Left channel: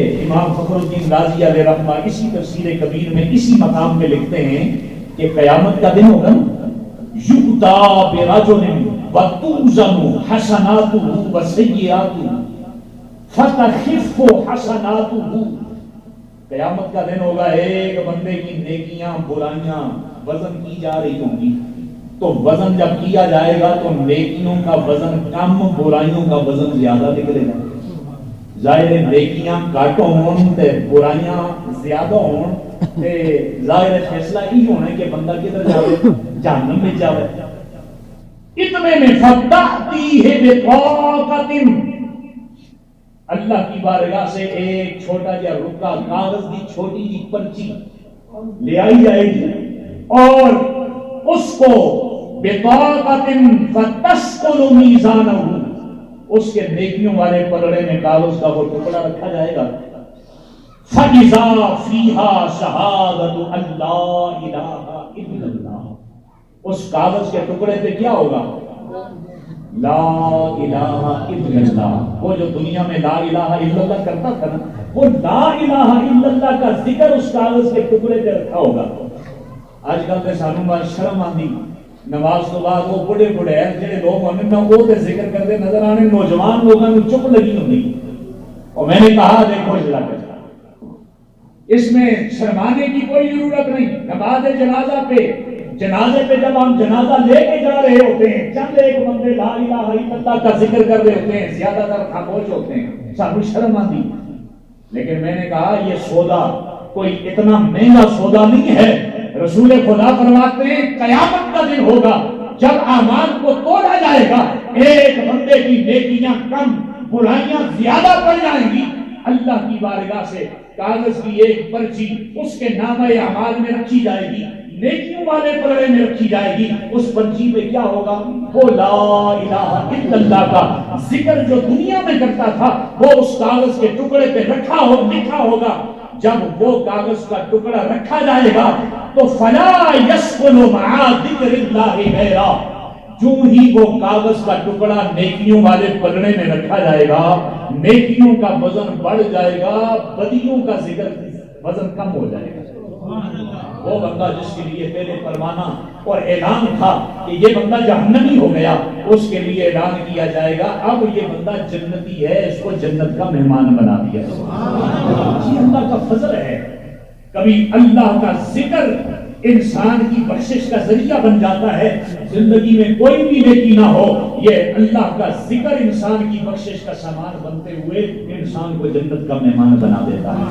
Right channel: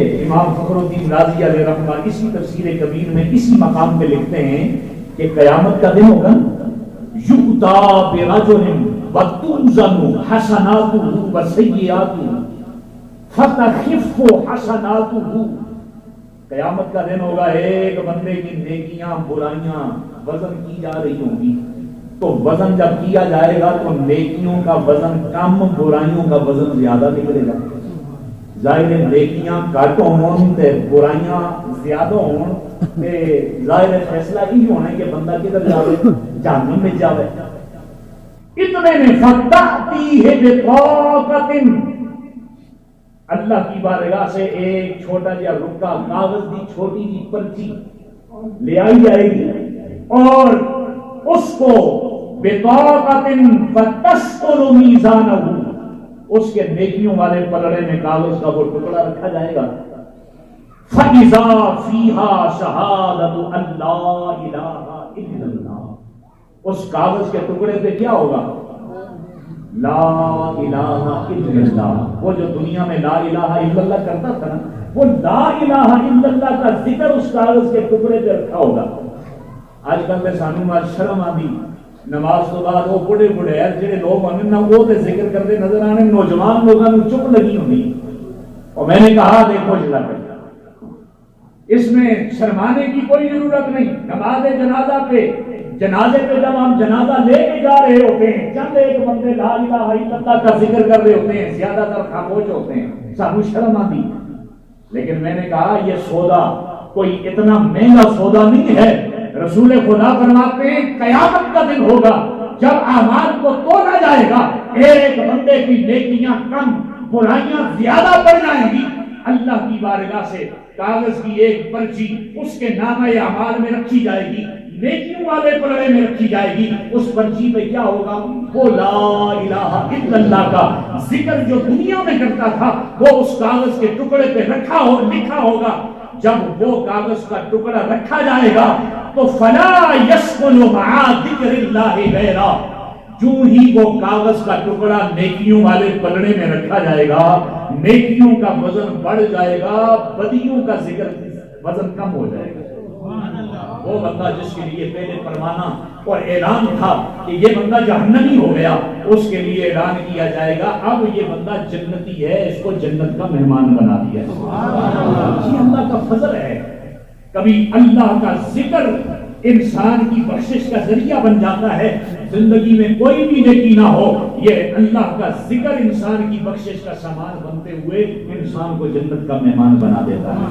امام فخر الدین رازی علیہ رحمہ اسی تفسیر کبیر میں اسی مقام پہ لکھتے ہیں کہ قیامت کا دن ہوگا یؤتی برجل وتوزن حسناته وسیئاته فتخف حسناته۔ قیامت کا دن ہوگا، ایک بندے کی نیکیاں برائیاں وزن کی جا رہی ہوں گی، تو وزن جب کیا جائے گا تو نیکیوں کا وزن کم، برائیوں کا وزن زیادہ نکلے گا۔ ظاہر نیکیاں گھٹ ہون تے برائیاں زیادہ ہون تے ظاہر فیصلہ ہی ہونا ہے کہ بندہ کدھر جاوے، جہنم میں جاوے۔ اتنے میں فتحتی ہے بطاقت، اللہ کی بارگاہ سے ایک چھوٹا جا رکا کاغذ دی چھوٹی جی پرچی لے آئی جائے گی اور اس کو بطاقت فتسقل میزانہ، اس کے نیکیوں والے پلڑے میں کاغذ کا وہ ٹکڑا رکھا جائے گا۔ فَإِذَا فِيهَا شَهَادَةُ أَن لَّا إِلَٰهَ إِلَّا اللَّهُ، اس کاغذ کے ٹکڑے پہ کیا ہوگا؟ لا الہ الا اللہ۔ وہ جو دنیا میں لا الہ الا اللہ کرتا تھا نا، وہ لا الہ الا اللہ کا ذکر اس کاغذ کے ٹکڑے پہ رکھا ہوگا۔ آج کل تے سانو مار شرم آندی، نماز تو بعد وہ بڑے بڑے جڑے لوگ ہونے نا وہ تے ذکر کرتے نظر آنے، نوجوان لوگوں کو چپ لگی ہوئی۔ اور میں نے کہا دیکھو جلا کر اس میں شرمانے کی کوئی ضرورت نہیں۔ نماز جنازہ پہ، جنازے پہ جب ہم جنازہ لے کے جا رہے ہوتے ہیں، چند ایک بندے لا الہ الا اللہ کا ذکر کر رہے ہوتے ہیں، زیادہ تر خاموش ہوتے ہیں، سانو شرم آتی۔ لیکن میں نے کہا یہ سودا کوئی اتنا مہنگا سودا نہیں ہے۔ رسول خدا فرماتے ہیں قیامت کا دن ہوگا جب اعمال کو تولا جائے گا، ایک بندے کی نیکیاں کم، برائیاں زیادہ پڑ جائیں گی، اللہ کی بارگاہ سے کاغذ کی ایک پرچی اس کے نامہ اعمال میں رکھی جائے گی، نیکیوں والے پلڑے میں رکھی جائے گی۔ اس پرچی پہ کیا ہوگا؟ وہ لا الہ الا اللہ کا ذکر جو دنیا میں کرتا تھا وہ اس کاغذ کے ٹکڑے پہ لکھا ہوگا۔ جب وہ کاغذ کا ٹکڑا رکھا جائے گا تو فلا یسکن مع ذکر اللہ غیرہ، جو ہی وہ کاغذ کا ٹکڑا نیکیوں والے پلڑے میں رکھا جائے گا، نیکیوں کا وزن بڑھ جائے گا، بدیوں کا ذکر وزن کم ہو جائے گا۔ وہ بندہ جس کے لیے پہلے فرمانا اور اعلان تھا کہ یہ بندہ جہنمی ہو گیا، اس کے لیے اعلان کیا جائے گا اب یہ بندہ جنتی ہے، اس کو جنت کا مہمان بنا دیا۔ یہ اللہ کا فضل ہے۔ کبھی اللہ کا ذکر انسان کی بخشش کا ذریعہ بن جاتا ہے۔ زندگی میں کوئی بھی نیکی نہ ہو، یہ اللہ کا ذکر انسان کی بخشش کا سامان بنتے ہوئے انسان کو جنت کا مہمان بنا دیتا ہے۔